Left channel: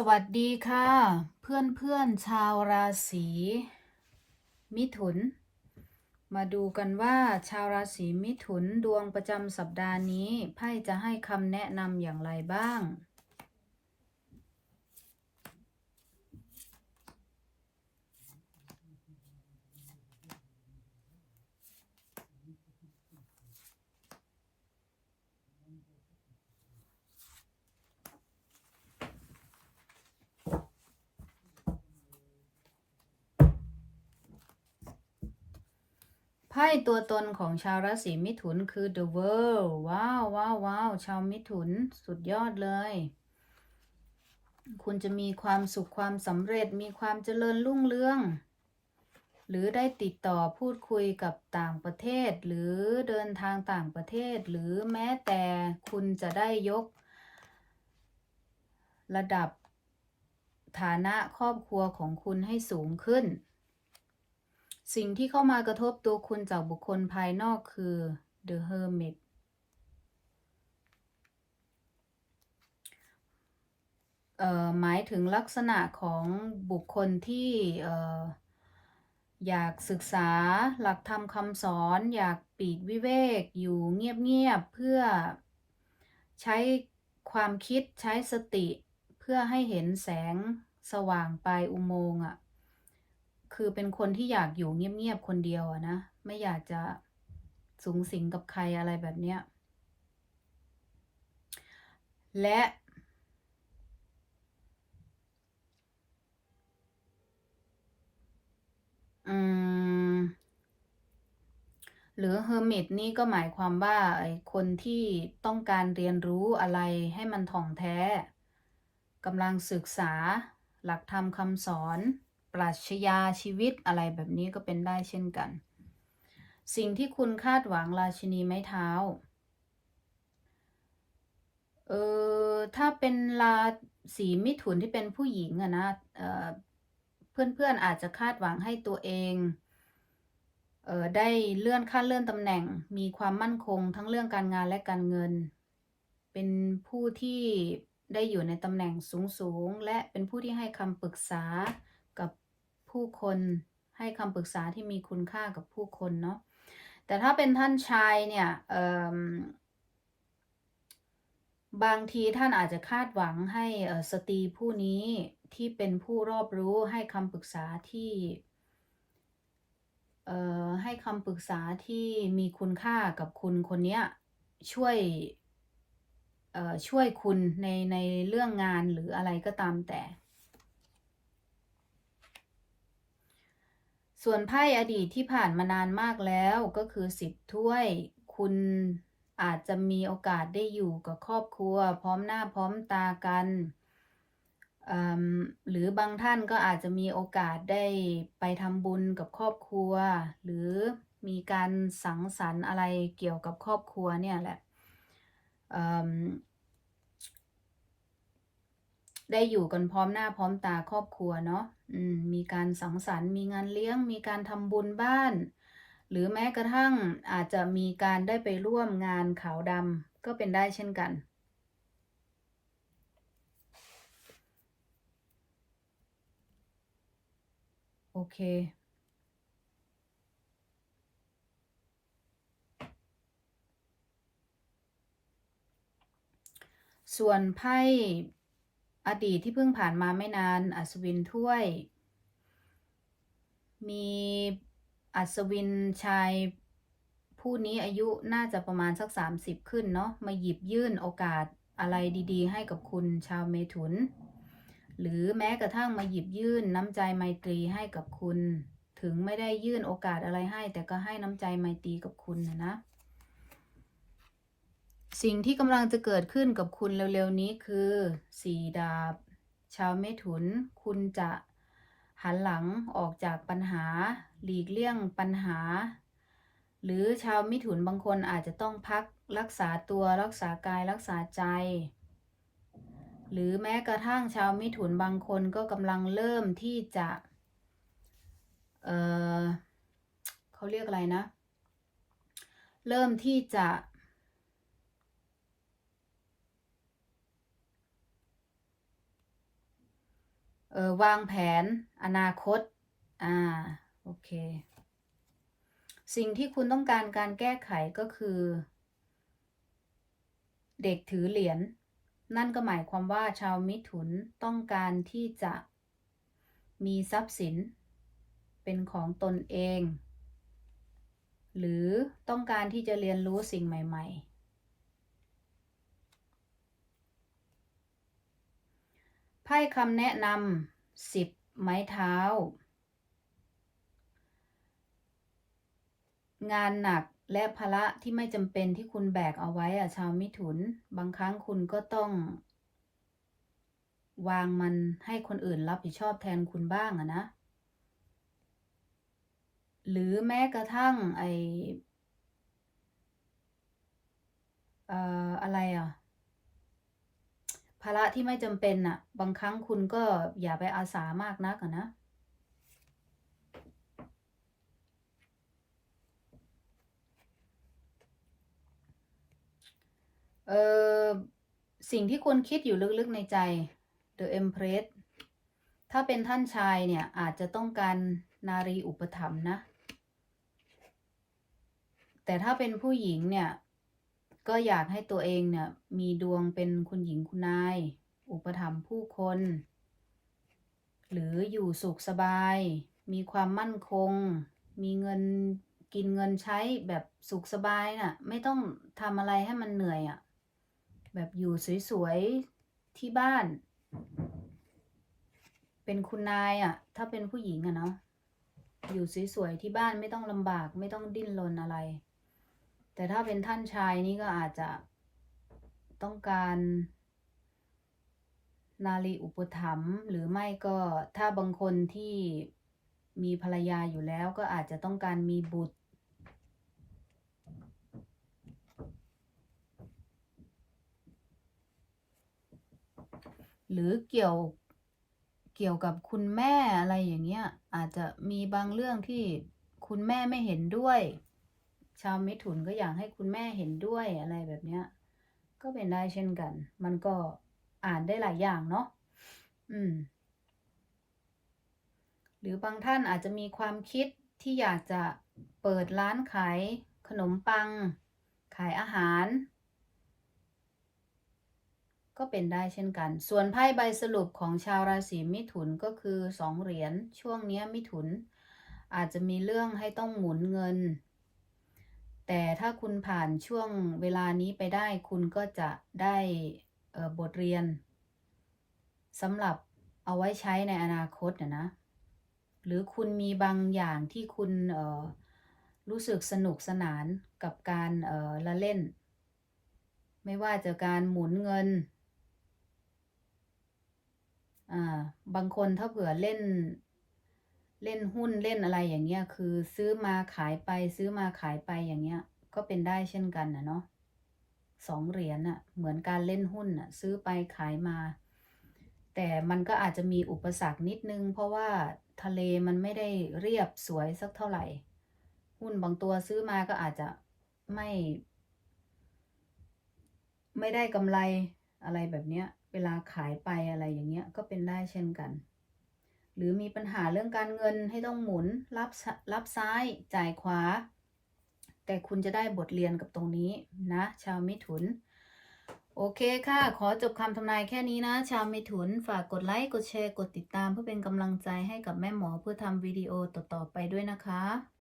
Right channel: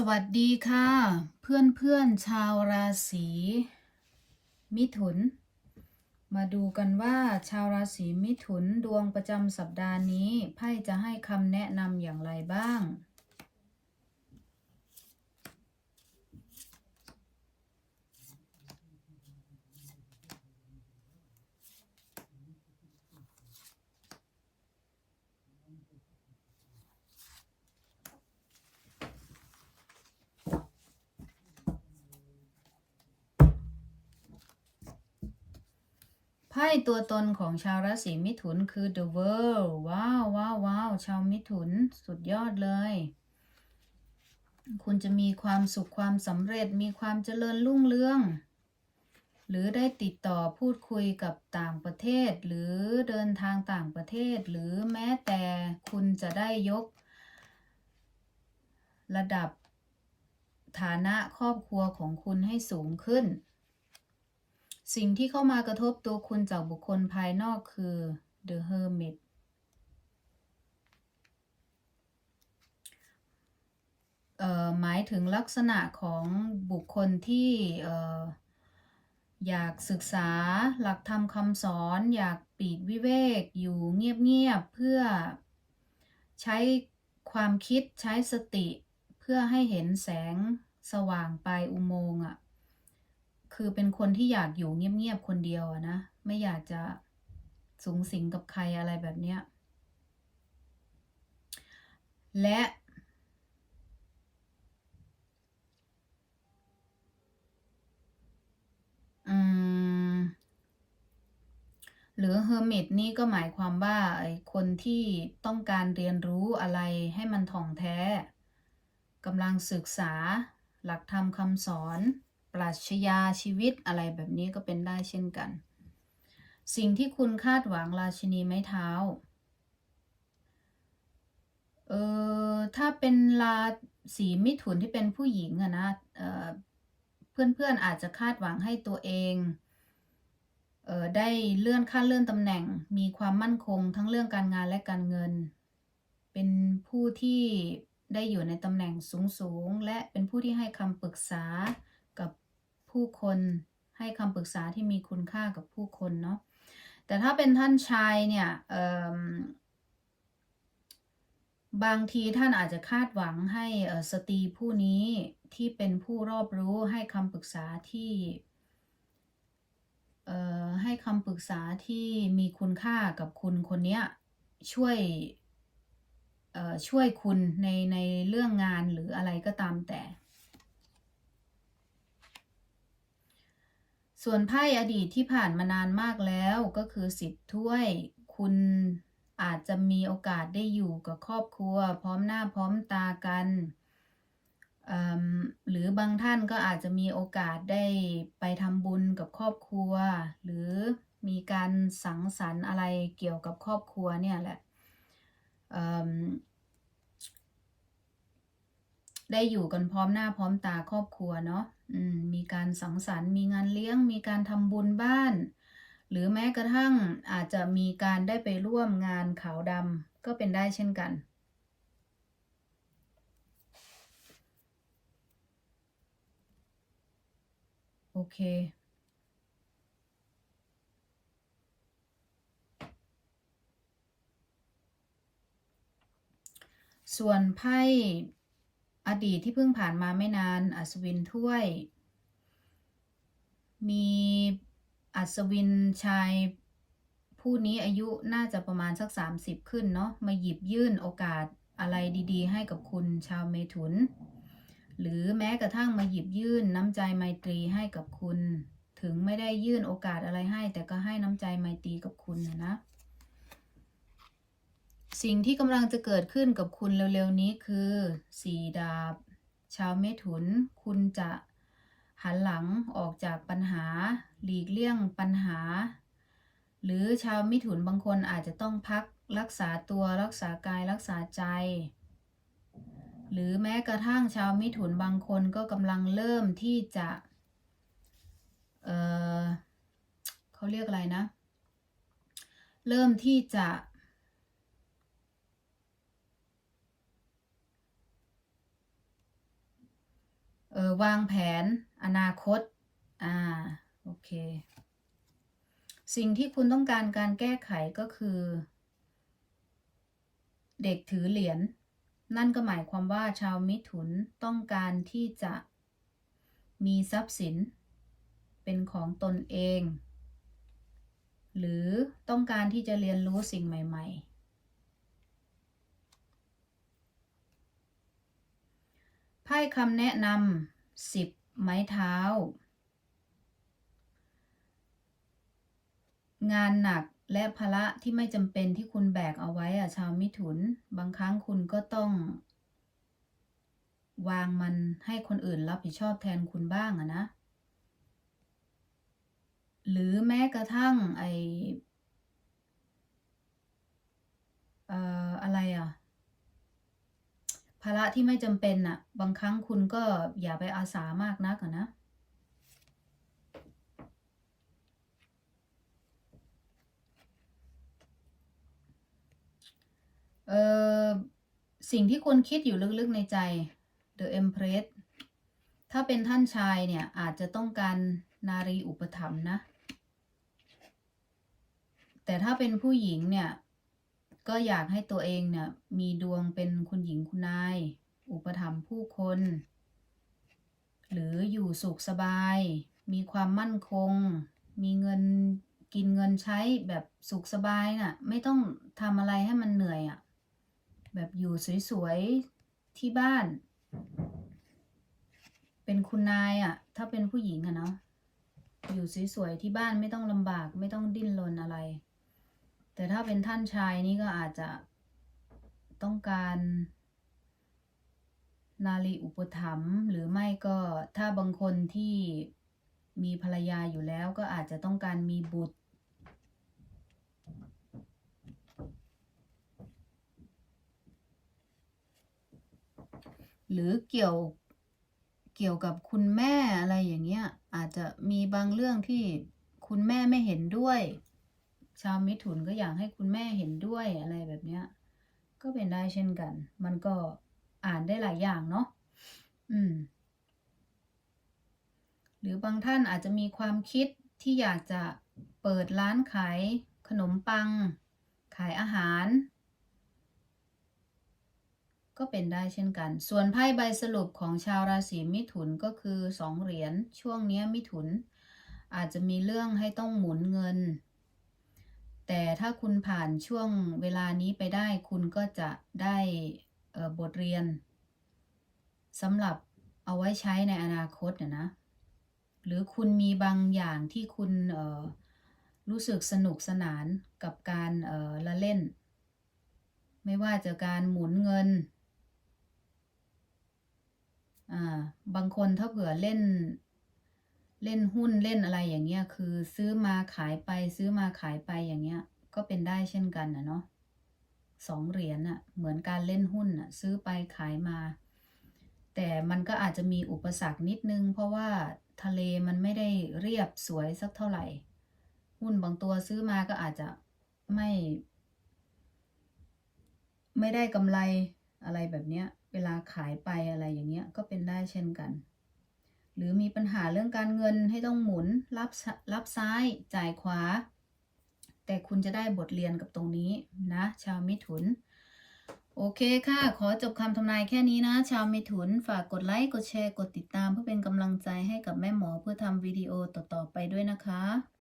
สวัสดีค่ะ เพื่อนเพื่อนชาวราศีมิถุน มาดูกันว่าชาวราศีมิถุนดวงประจำสัปดาห์นี้ไพ่จะให้คำแนะนำอย่างไรบ้าง ไพ่ ตัวตนของชาวราศีมิถุนคือ The World ว้าวว้าวว้าวชาวมิถุนสุดยอดเลย คุณจะมีความสุขความสำเร็จมีความเจริญรุ่งเรือง หรือได้ติดต่อพูดคุยกับต่างประเทศ หรือเดินทางต่างประเทศ หรือแม้แต่คุณจะได้ยก ระดับฐานะครอบครัวของคุณให้สูงขึ้น สิ่งที่เข้ามากระทบตัวคุณจากบุคคลภายนอกคือ The Hermit หมายถึงลักษณะของบุคคลที่อยากศึกษาหลักธรรมคำสอน อยากปลีกวิเวก อยู่เงียบๆเพื่อใช้ความคิดใช้สติ เพื่อให้เห็นแสงสว่างปลายอุโมงค์อะ คือเป็นคนที่อยากอยู่เงียบๆคนเดียวอะนะ ไม่อยากจะสูงสิงกับใครอะไรแบบเนี้ย และ อืม หรือเฮอร์มิตนี่ก็หมายความว่าไอ้คนที่ต้องการเรียนรู้อะไรให้มันถ่องแท้กำลังศึกษาหลักธรรมคำสอน ปรัชญาชีวิตอะไรแบบนี้ก็เป็นได้เช่นกัน สิ่งที่คุณคาดหวังราชินีไม้เท้า เออถ้าเป็นราศีมิถุนที่เป็นผู้หญิงอะนะเออเพื่อนๆอาจจะคาดหวังให้ตัวเองเออได้เลื่อนขั้นเลื่อนตำแหน่ง มีความมั่นคงทั้งเรื่องการงานและการเงิน เป็นผู้ที่ได้อยู่ในตำแหน่งสูงๆ และเป็นผู้ที่ให้คำปรึกษากับ ผู้คนให้คำปรึกษาที่มีคุณค่ากับผู้คนเนาะแต่ถ้าเป็นท่านชายเนี่ยบางทีท่านอาจจะคาดหวังให้สตรีผู้นี้ที่เป็นผู้รอบรู้ให้คำปรึกษาที่ให้คำปรึกษาที่มีคุณค่ากับคุณคนเนี้ยช่วยช่วยคุณในในเรื่องงานหรืออะไรก็ตามแต่ ส่วนไพ่อดีตที่ผ่านมานานมากแล้วก็คือสิบถ้วย คุณอาจจะมีโอกาสได้อยู่กับครอบครัว พร้อมหน้าพร้อมตากันหรือบางท่านก็อาจจะมีโอกาสได้ไปทำบุญกับครอบครัว หรือมีการสังสรรค์อะไรเกี่ยวกับครอบครัวเนี่ยแหละ ได้อยู่กันพร้อมหน้าพร้อมตาครอบครัวเนาะมมีการสังสรรค์ มีงานเลี้ยง มีการทำบุญบ้าน หรือแม้กระทั่งอาจจะมีการได้ไปร่วมงานขาวดำก็เป็นได้เช่นกัน โอเคส่วนไพ่ อดีตที่เพิ่งผ่านมาไม่นาน อัศวินถ้วย มีอัศวินชายผู้นี้อายุน่าจะประมาณสัก 30 ขึ้นเนาะมาหยิบยื่นโอกาสอะไรดีๆ ให้กับคุณชาวเมถุน หรือแม้กระทั่งมาหยิบยื่นน้ำใจไมตรีให้กับคุณ ถึงไม่ได้ยื่นโอกาสอะไรให้ แต่ก็ให้น้ำใจไมตรีกับคุณนะนะ สิ่งที่กำลังจะเกิดขึ้นกับคุณเร็วๆนี้คือสีดาบ ชาวเมถุน คุณจะหันหลังออกจากปัญหา หลีกเลี่ยงปัญหา หรือชาวมิถุนบางคนอาจจะต้องพักรักษาตัวรักษากายรักษาใจ หรือแม้กระทั่งชาวมิถุนบางคนก็กำลังเริ่มที่จะ เออเขาเรียกอะไรนะ เริ่มที่จะ ออวางแผนอนาคต อ่า โอเค สิ่งที่คุณต้องการการแก้ไขก็คือ เด็กถือเหรียญ นั่นก็หมายความว่าชาวมิถุนต้องการที่จะมีทรัพย์สิน เป็นของตนเอง หรือต้องการที่จะเรียนรู้สิ่งใหม่ ๆ ไพ่คำแนะนำสิบไม้เท้า งานหนักและภาระที่ไม่จำเป็นที่คุณแบกเอาไว้อะชาวมิถุน บางครั้งคุณก็ต้อง วางมันให้คนอื่นรับผิดชอบแทนคุณบ้างอะนะ หรือแม้กระทั่งไอเอ่ออะไรอะาระที่ไม่จำเป็นอะบางครั้งคุณก็อย่าไปอาสามากนักนะเออสิ่งที่คุณคิดอยู่ลึกๆในใจ The Empress ถ้าเป็นท่านชายเนี่ย อาจจะต้องการนารีอุปถัมภ์นะ แต่ถ้าเป็นผู้หญิงเนี่ย ก็อยากให้ตัวเองเนี่ยมีดวงเป็นคุณหญิงคุณนาย อุปถัมภ์ผู้คน หรืออยู่สุขสบาย มีความมั่นคง มีเงินกินเงินใช้แบบสุขสบายน่ะไม่ต้องทำอะไรให้มันเหนื่อยอะ่ะแบบอยู่สวยๆที่บ้าน เป็นคุณนายอะ่ะ ถ้าเป็นผู้หญิงอะเนาะอยู่สวยๆที่บ้านไม่ต้องลำบากไม่ต้องดิ้นรนอะไร แต่ถ้าเป็นท่านชายนี่ก็อาจจะต้องการ นารีอุปถัมภ์หรือไม่ก็ถ้าบางคนที่มีภรรยาอยู่แล้วก็อาจจะต้องการมีบุตร หรือเกี่ยวเกี่ยวกับคุณแม่อะไรอย่างเงี้ยอาจจะมีบางเรื่องที่คุณแม่ไม่เห็นด้วย ชาวมิถุนก็อยากให้คุณแม่เห็นด้วยอะไรแบบเนี้ย ก็เป็นได้เช่นกัน มันก็อ่านได้หลายอย่างเนาะอืม หรือบางท่านอาจจะมีความคิดที่อยากจะเปิดร้านขายขนมปัง ขายอาหาร ก็เป็นได้เช่นกัน ส่วนไพ่ใบสรุปของชาวราศีมิถุนก็คือสองเหรียญช่วงนี้มิถุน อาจจะมีเรื่องให้ต้องหมุนเงิน แต่ถ้าคุณผ่านช่วงเวลานี้ไปได้คุณก็จะได้เบทเรียนสำหรับเอาไว้ใช้ในอนาคตนะนะ หรือคุณมีบางอย่างที่คุณรู้สึกสนุกสนานกับการเละเล่น ไม่ว่าจะการหมุนเงิน บางคนถ้าเผื่อเล่น เล่นหุ้นเล่นอะไรอย่างเงี้ยคือซื้อมาขายไปซื้อมาขายไปอย่างเงี้ย ก็เป็นได้เช่นกันนะเนาะสองเหรียญอะเหมือนการเล่นหุ้นอะซื้อไปขายมา แต่มันก็อาจจะมีอุปสรรคนิดนึง เพราะว่าทะเลมันไม่ได้เรียบสวยสักเท่าไหร่ หุ้นบางตัวซื้อมาก็อาจจะไม่ ไม่ได้กำไรอะไรแบบเนี้ย เวลาขายไปอะไรอย่างเงี้ยก็เป็นได้เช่นกัน หรือมีปัญหาเรื่องการเงินให้ต้องหมุนรับซรับซ้ายจ่ายขวา แต่คุณจะได้บทเรียนกับตรงนี้นะ ชาวมิถุน โอเคค่ะ ขอจบคำทำนายแค่นี้นะ ชาวมิถุน ฝากกดไลค์กดแชร์กดติดตาม เพื่อเป็นกำลังใจให้กับแม่หมอเพื่อทำวิดีโอต่อๆไปด้วยนะคะ